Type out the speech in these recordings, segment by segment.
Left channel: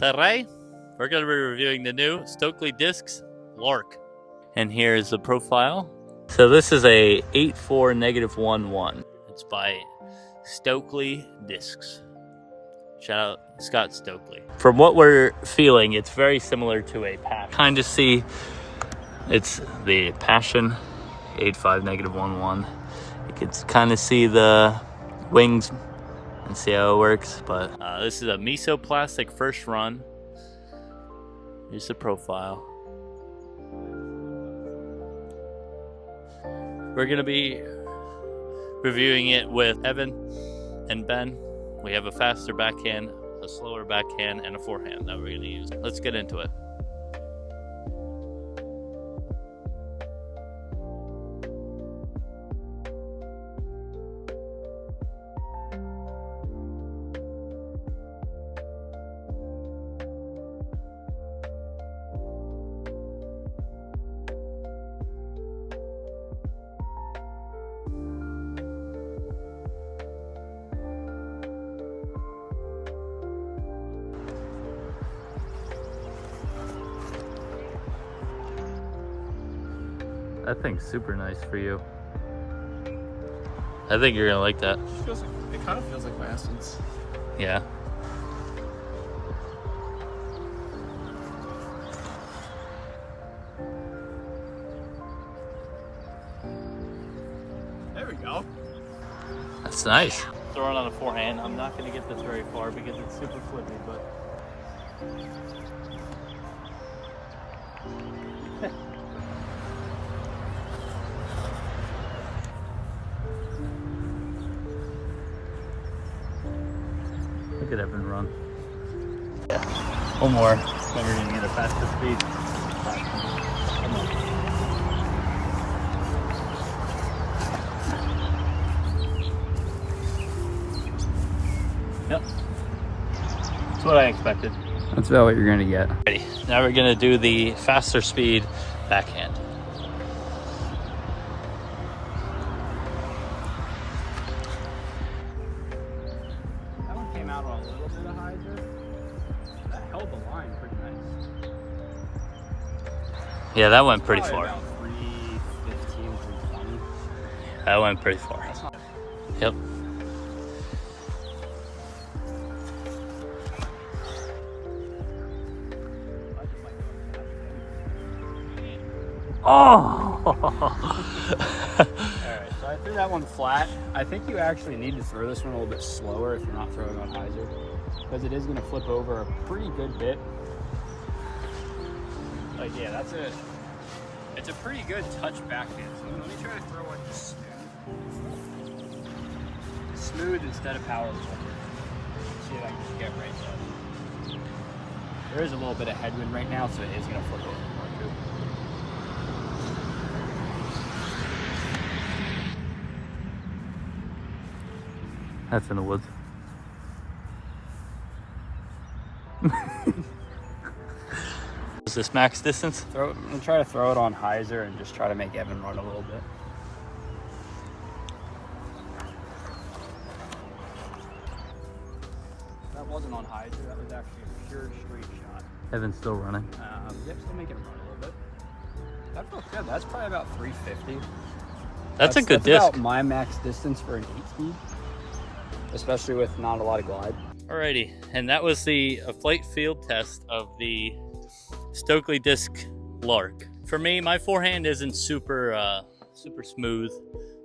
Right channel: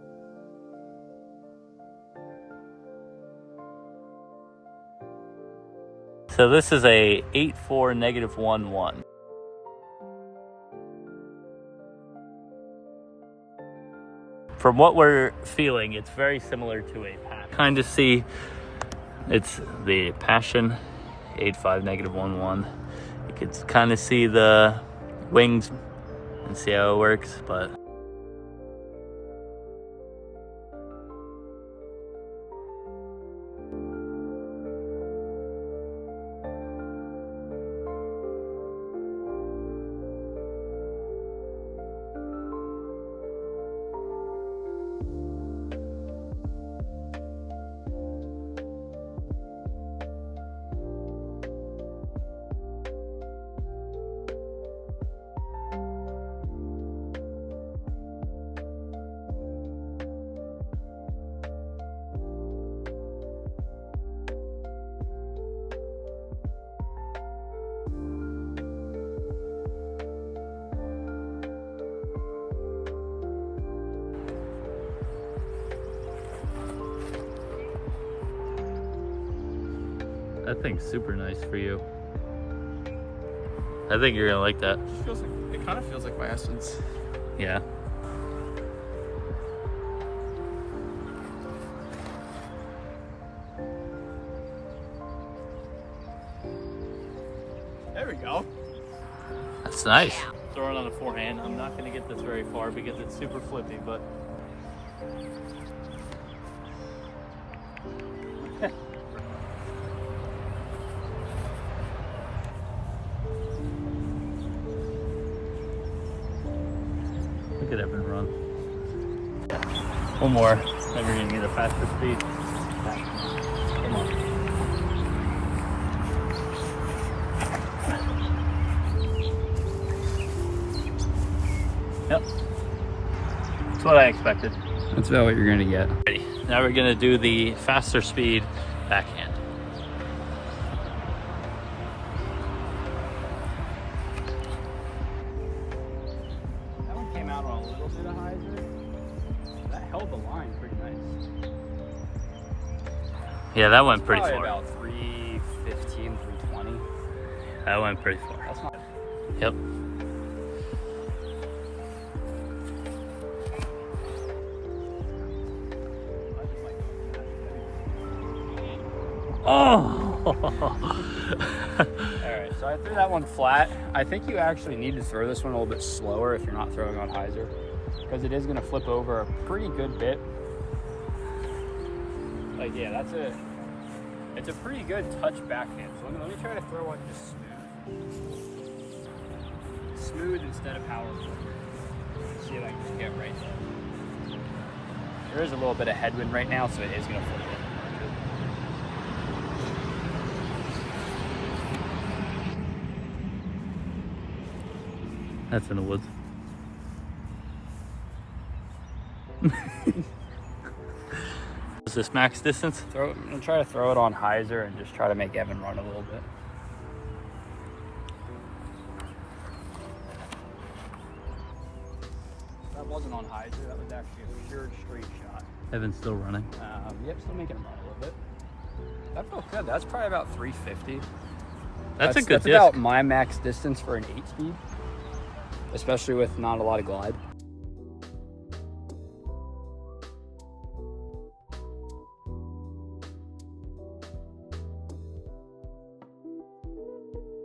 Today, we're going to be reviewing the new Stokely Discs Lark. And here's the profile. So this is a 8.4 -1.1. It's by Stokely Discs. Shout out Scott Stokely. From what we're feeling, it's very similar to a Passion. Kind of see, it's the Passion 8.5 -1.1. You can kind of see the wings and see how it works, but this is a mesoplastic first run. Here's the profile. We're gonna be reviewing it with Evan and Ben. We have a faster backhand, a slower backhand, and a forehand that we're gonna use. Let's get into it. That thing's super nice for you. I think you're gonna like that. It kind of feels like my Essence. Yeah. There we go. That's nice. Throwing on a forehand. I'm not gonna get this very far because it's super flippy, but. Look at Evan run. Yeah. One more. Then we're gonna get a faster speed. Come on. Yep. That's what I expected. That's about what you're gonna get. Ready. Now we're gonna do the faster speed backhand. Out on a little bit of hyzer. That held the line pretty nice. Yeah, that went pretty Probably far. About 315, 320. That went pretty far. Yep. Oh! Alright, so I threw that one flat. I think you actually need to throw this one a little bit slower if you're not throwing on hyzer, because it is going to flip over a pretty good bit. Like, yeah, it's a pretty good touch backhand. So let me try to throw one just smooth instead of power stroke. See if I can just get right there. There is a little bit of headwind right now, so it is going to flip over more too. That's in the woods. Is this max distance? I'm gonna try to throw it on hyzer and just try to make Evan run a little bit. That wasn't on hyzer, that was actually a pure straight shot. Evan's still running. Yep, still making him run a little bit. That felt good. That's probably about 350. That's a good that's disc. About my max distance for an 8-speed, especially with not a lot of glide. Alrighty, and that was the flight field test of the Stokely Disc Lark. For me, my forehand isn't super smooth,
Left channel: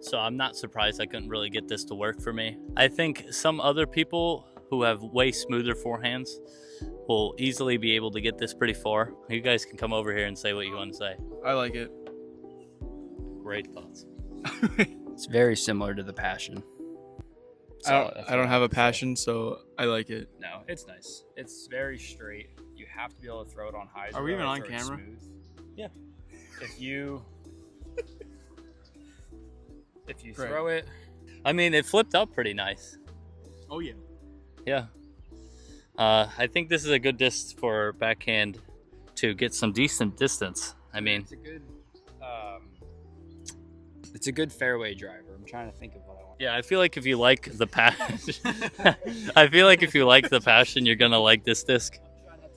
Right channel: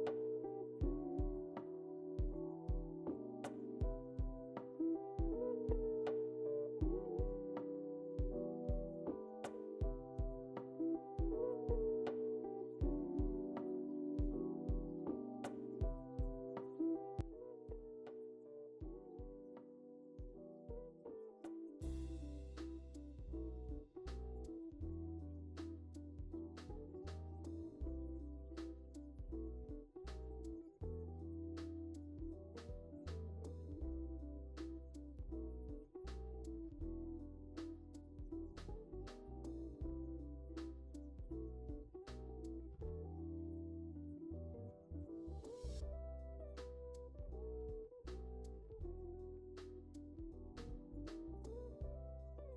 so I'm not surprised I couldn't really get this to work for me. I think some other people who have way smoother forehands will easily be able to get this pretty far. You guys can come over here and say what you want to say. I like it. Great thoughts. It's very similar to the Passion. I don't have a Passion, so I like it. No, it's nice. It's very straight. You have to be able to throw it on hyzer. Are we even on for it camera? smooth. Yeah. If you Right. throw it, I mean, it flipped up pretty nice. Oh yeah. Yeah. I think this is a good disc for backhand to get some decent distance. I mean, it's a good fairway driver. I'm trying to think of what I want. yeah, I feel like if you like the passion, I feel like if you like the passion, you're gonna like this disc. Try not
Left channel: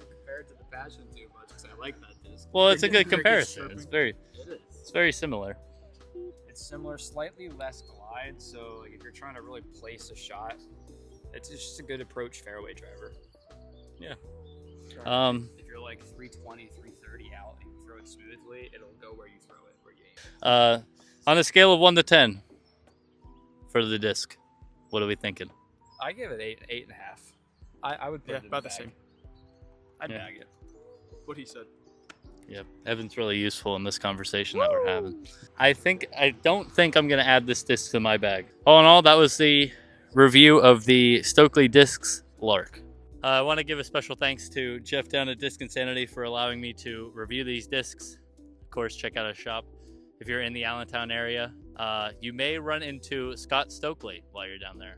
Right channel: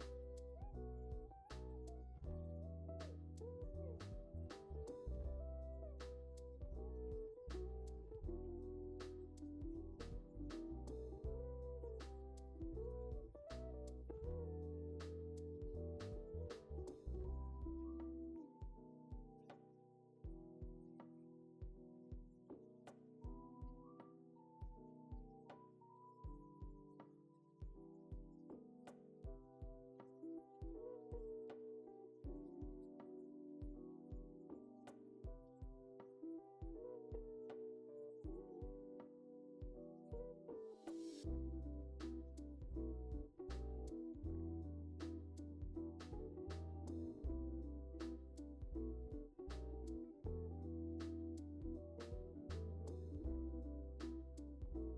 Well, it's a good Very comparison. striping. It's very similar. It's similar, slightly less glide. So like, if you're trying to really place a shot, it's just a good approach fairway driver. Yeah. If you're like 320, 330 out and you throw it smoothly, it'll go where you throw it, where you aim. On a scale of 1 to 10 for the disc, what are we thinking? I give it 8.5. I would put it in about the bag. same. I'd Yeah. bag it. What he said. Yep, Evan's really useful in this conversation that we're having. I don't think I'm gonna add this disc to my bag. All in all, that was the review of the Stokely Discs Lark. I want to give a special thanks to Jeff down at Disc Insanity for allowing me to review these discs. Of course, check out his shop if you're in the Allentown area. You may run into Scott Stokely while you're down there.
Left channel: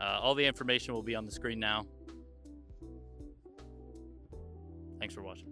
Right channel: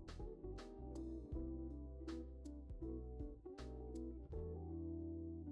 All the information will be on the screen now. Thanks for watching.